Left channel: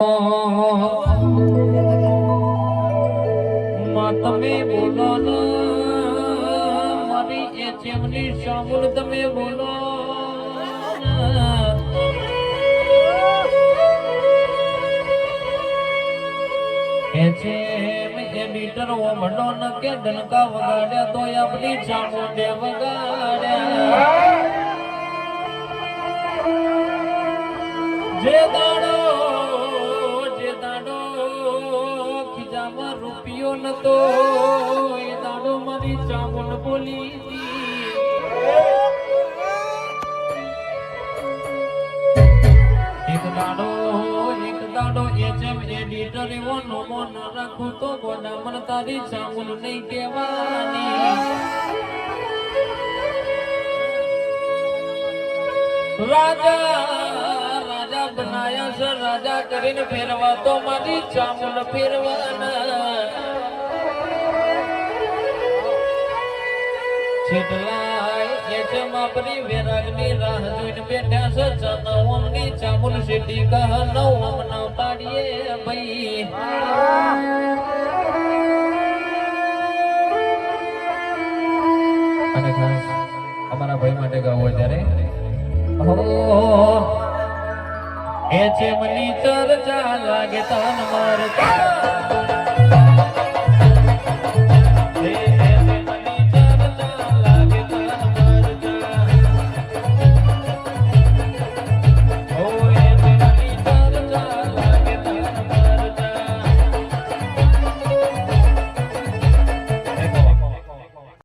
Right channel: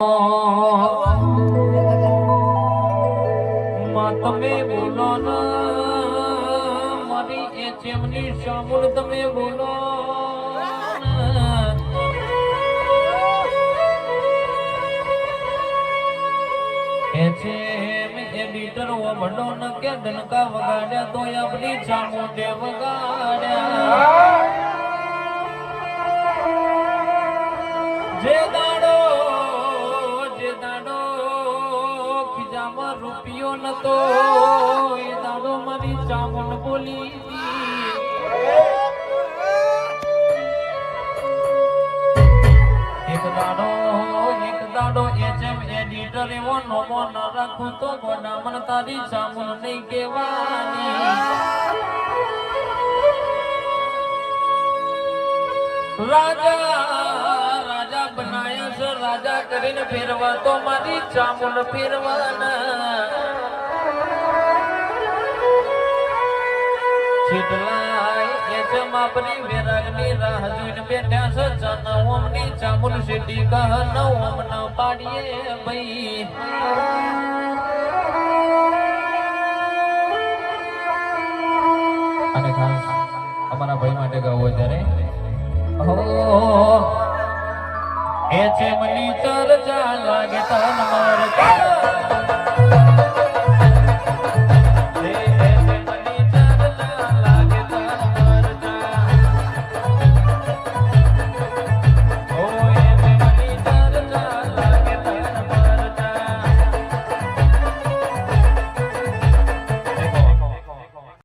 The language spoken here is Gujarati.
તમે બોલો ને મારી એ ચેમની સામુલ તમે બોલો એ છે એડિટર ઓ મંડો ન કે ડનકા વગાડ્યા તો આપણી ચામુંડે વગાડ્યા જે દાડો ખીજામાં રૂપિયો નતો એ દાડો મારી ચામુંડ બોલી એક દાડો એ જેમ એડિટર એવો નોમો ન રાખું તો ગોડામણ તારી ચામુંડ નહીં કહેવાની રાજા બનાયા છે રાજા કરીને ફેરવા તો મારી ચામુંડ ફેરવાના છેટલાય એ છે માપરી વેરાગની રાહ જોઈને બેઠા છે જનવમની ચામુંડ શેટી કહ નવમ ન પાડીએ ભાઈ અને ખાસ અમારા ભાઈ માટે ગાવું ત્યારે એ ચેમની ચર્ચા લાગે તન મારતા